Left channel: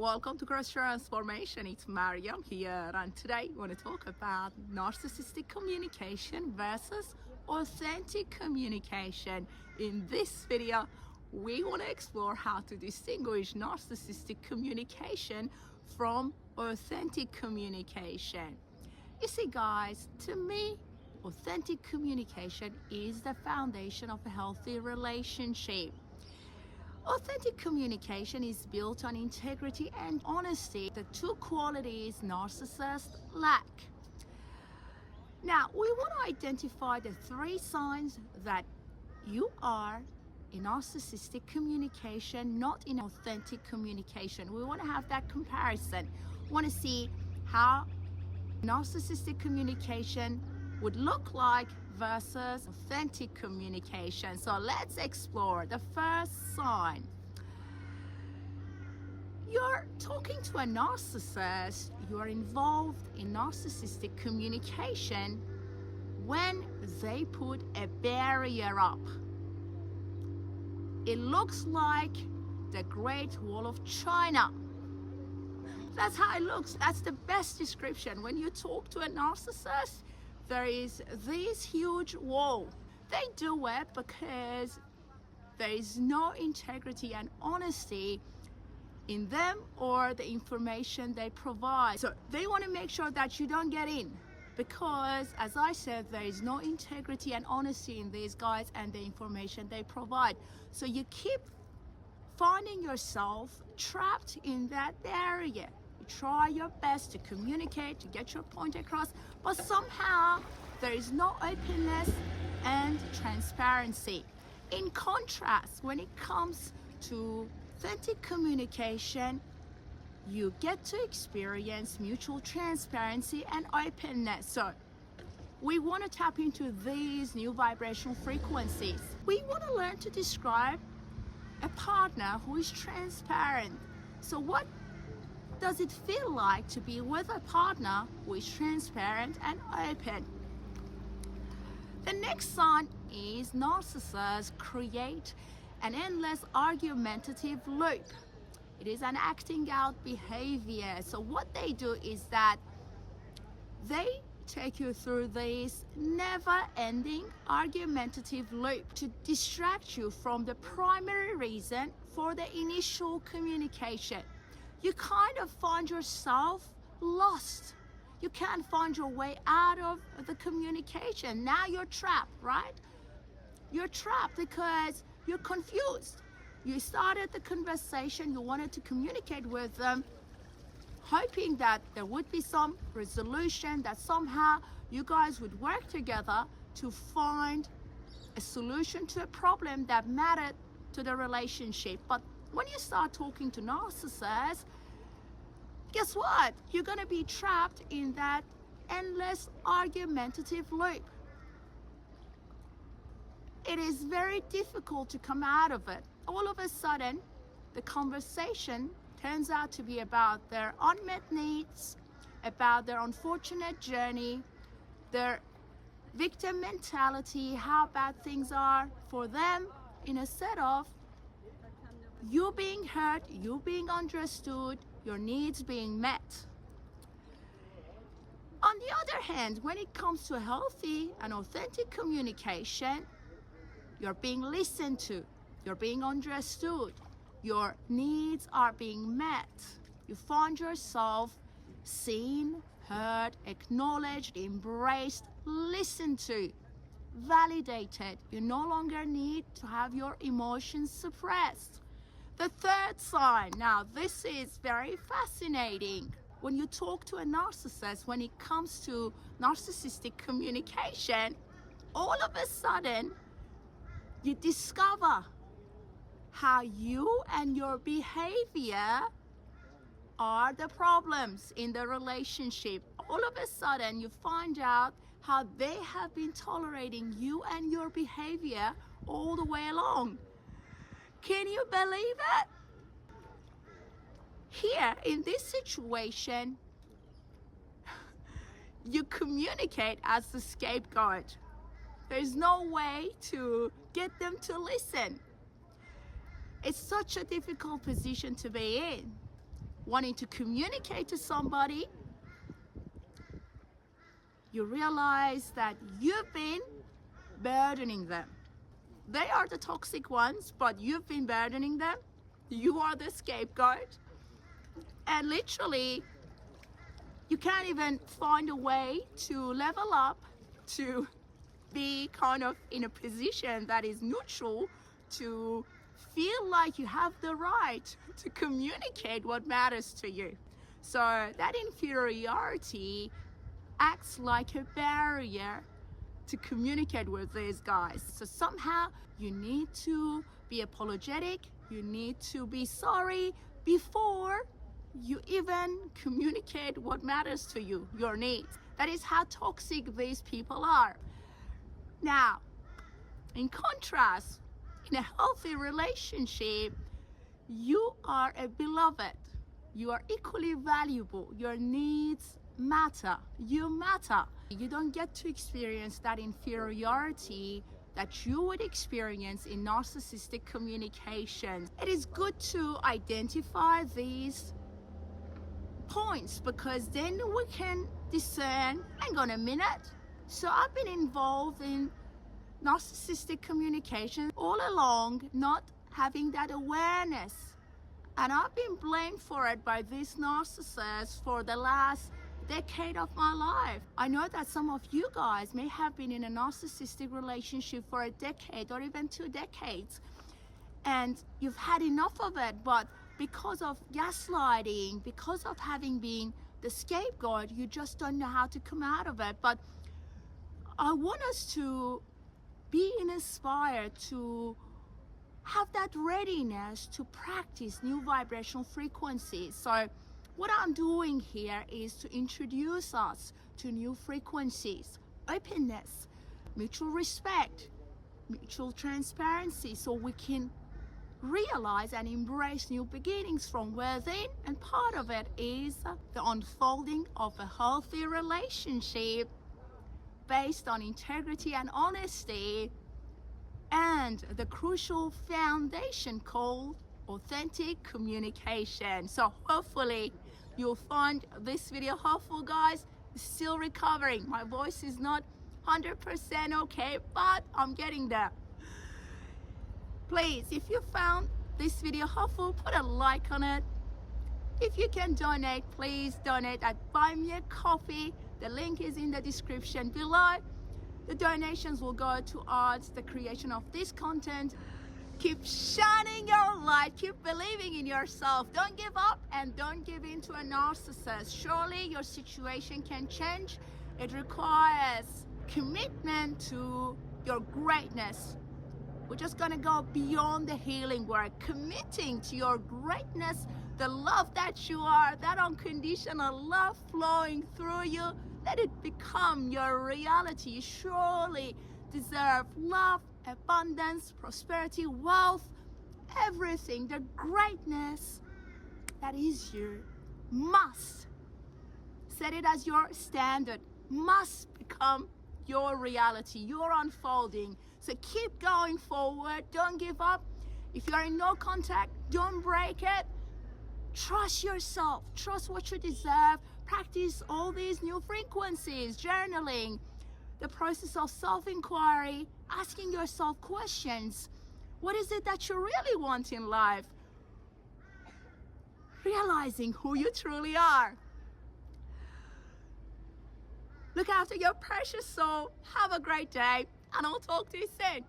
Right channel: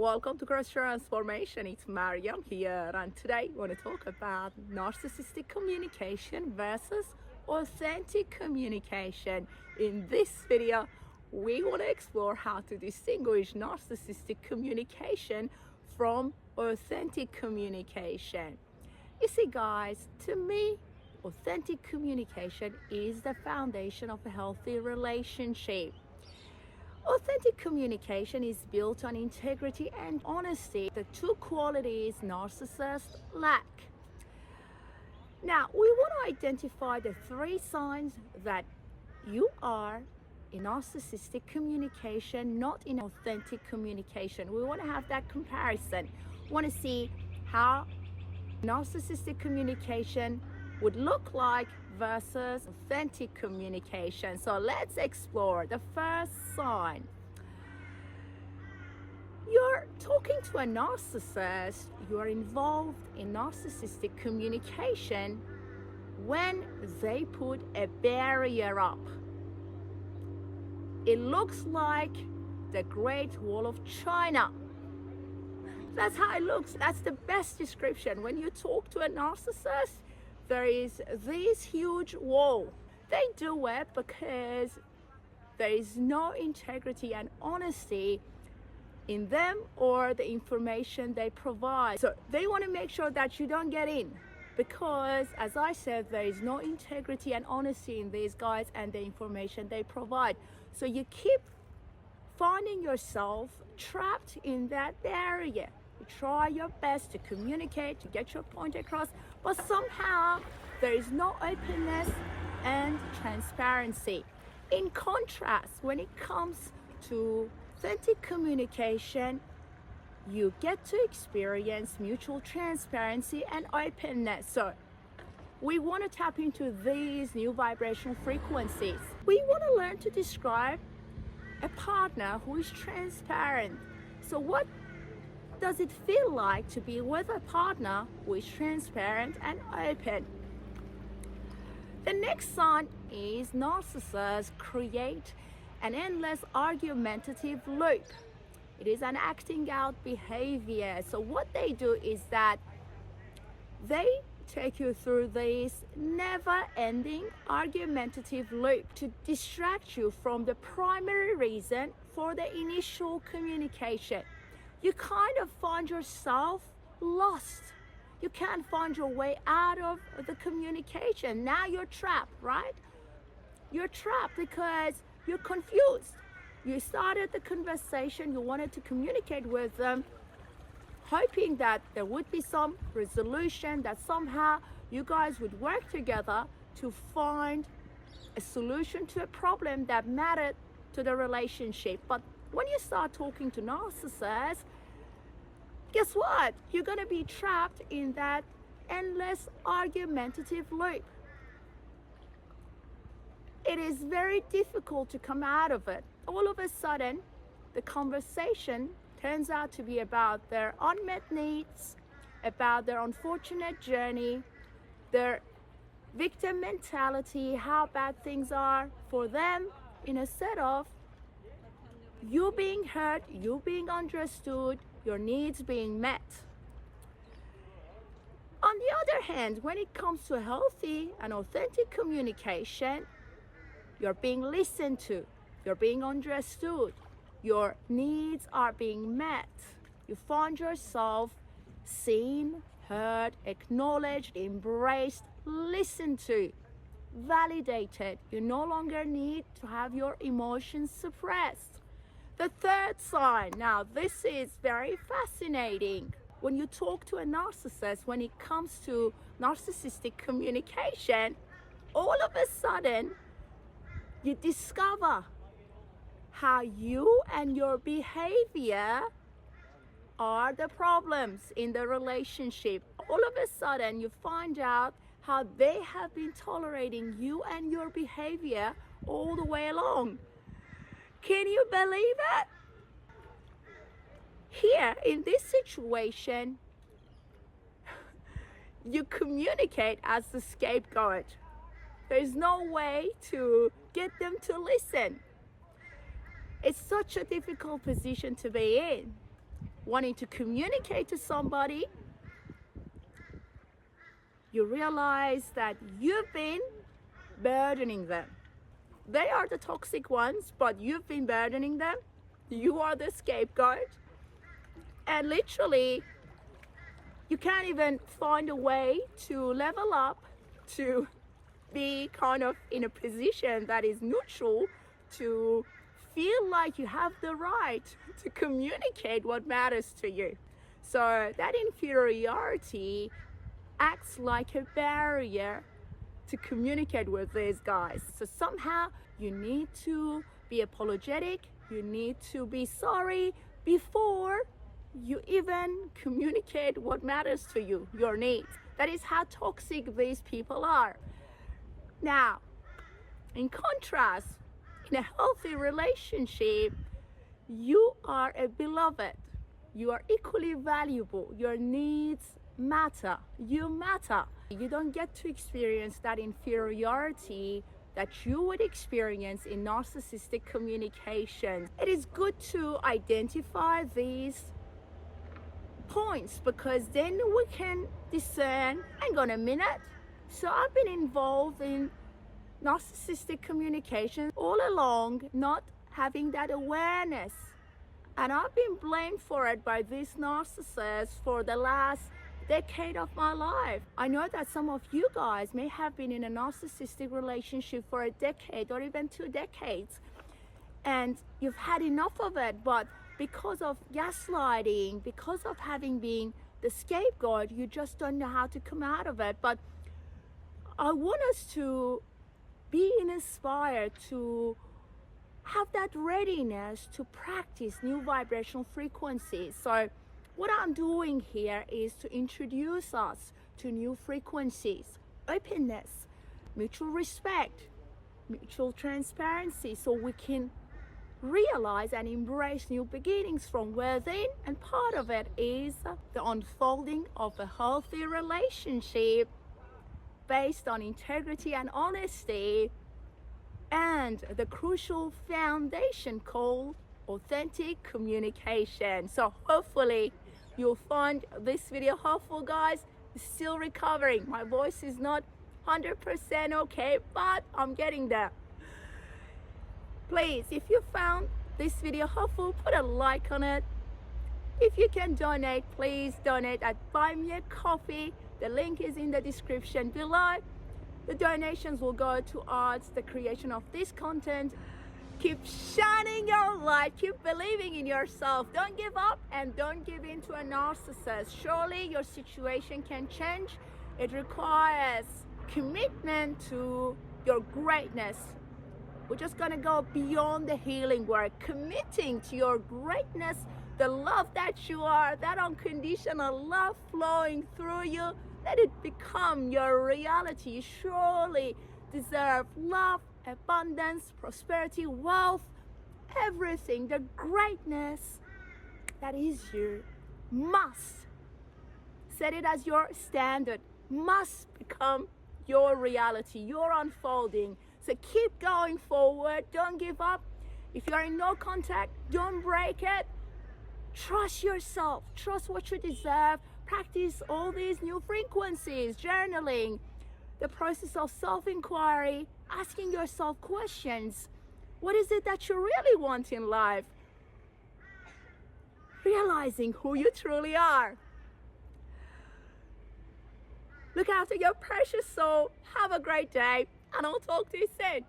Welcome to Cross Transformation. It's Maryam here, and today we want to talk about narcissistic communication versus authentic communication. In this video, we want to explore how to distinguish narcissistic communication from authentic communication. You see, guys, to me, authentic communication is the foundation of a healthy relationship. Authentic communication is built on integrity and honesty, the two qualities narcissists lack. Now, we want to identify the 3 signs that you are in narcissistic communication, not in authentic communication. We want to have that comparison. We want to see how narcissistic communication would look like versus authentic communication. So let's explore the first sign. You're talking to a narcissist, you are involved in narcissistic communication when they put a barrier up. It looks like the Great Wall of China. That's how it looks. That's the best description. When you talk to a narcissist, there is this huge wall. They do it because there is no integrity and honesty in them or the information they provide. So they want to make sure that you don't get in because, as I said, there is no integrity and honesty in these guys and the information they provide. So you keep finding yourself trapped in that area. You try your best to communicate, to get your point across, but somehow there is no openness and transparency. In contrast, when it comes to authentic communication, you get to experience mutual transparency and openness. So we want to tap into these new vibrational frequencies. We want to learn to describe a partner who is transparent. So what does it feel like to be with a partner who is transparent and open? The next sign is narcissists create an endless argumentative loop. It is an acting out behavior. So what they do is that they take you through this never-ending argumentative loop to distract you from the primary reason for the initial communication. You kind of find yourself lost. You can't find your way out of the communication. Now you're trapped, right? You're trapped because you're confused. You started the conversation, you wanted to communicate with them, hoping that there would be some resolution, that somehow you guys would work together to find a solution to a problem that mattered to the relationship. But when you start talking to narcissists, guess what? You're going to be trapped in that endless argumentative loop. It is very difficult to come out of it. All of a sudden, the conversation turns out to be about their unmet needs, about their unfortunate journey, their victim mentality, how bad things are for them, instead of you being heard, you being understood, your needs being met. On the other hand, when it comes to healthy and authentic communication, you're being listened to, you're being understood, your needs are being met. You find yourself seen, heard, acknowledged, embraced, listened to, validated. You no longer need to have your emotions suppressed. The third sign, now this is very fascinating. When you talk to a narcissist, when it comes to narcissistic communication, all of a sudden, you discover how you and your behavior are the problems in the relationship. All of a sudden, you find out how they have been tolerating you and your behavior all the way along. Can you believe that? Here, in this situation, you communicate as the scapegoat. There's no way to get them to listen. It's such a difficult position to be in. wanting to communicate to somebody, you realize that you've been burdening them. They are the toxic ones, but you've been burdening them. You are the scapegoat. And literally, you can't even find a way to level up, to be kind of in a position that is neutral, to feel like you have the right to communicate what matters to you. So that inferiority acts like a barrier to communicate with these guys. So somehow you need to be apologetic, you need to be sorry before you even communicate what matters to you, your needs. That is how toxic these people are. Now, in contrast, in a healthy relationship, you are a beloved. You are equally valuable. Your needs matter. You matter. You don't get to experience that inferiority that you would experience in narcissistic communication. It is good to identify these points because then we can discern, hang on a minute. So I've been involved in narcissistic communication all along, not having that awareness. And I've been blamed for it by this narcissist for the last decade of my life. I know that some of you guys may have been in a narcissistic relationship for a decade or even 2 decades, and you've had enough of it, but because of gaslighting, because of having been the scapegoat, you just don't know how to come out of it. But I want us to be inspired to have that readiness to practice new vibrational frequencies. So what I'm doing here is to introduce us to new frequencies, openness, mutual respect, mutual transparency, so we can realize and embrace new beginnings from within. And part of it is the unfolding of a healthy relationship based on integrity and honesty, and the crucial foundation called authentic communication. So hopefully you'll find this video helpful, guys. Still recovering. My voice is not 100% okay, but I'm getting there. Please, if you found this video helpful, put a like on it. If you can donate, please donate at Buy Me a Coffee. The link is in the description below. The donations will go towards the creation of this content. Keep shining your light, keep believing in yourself. Don't give up and don't give in to a narcissist. Surely your situation can change. It requires commitment to your greatness. We're just gonna go beyond the healing work, committing to your greatness, the love that you are, that unconditional love flowing through you. Let it become your reality. You surely deserve love, abundance, prosperity, wealth, everything. The greatness that is you must set it as your standard, must become your reality, your unfolding. So keep going forward. Don't give up. If you're in no contact, don't break it. Trust yourself. Trust what you deserve. Practice all these new frequencies, journaling, the process of self-inquiry, asking yourself questions. What is it that you really want in life? Realizing who you truly are. Look after your precious soul. Have a great day, and I'll talk to you soon.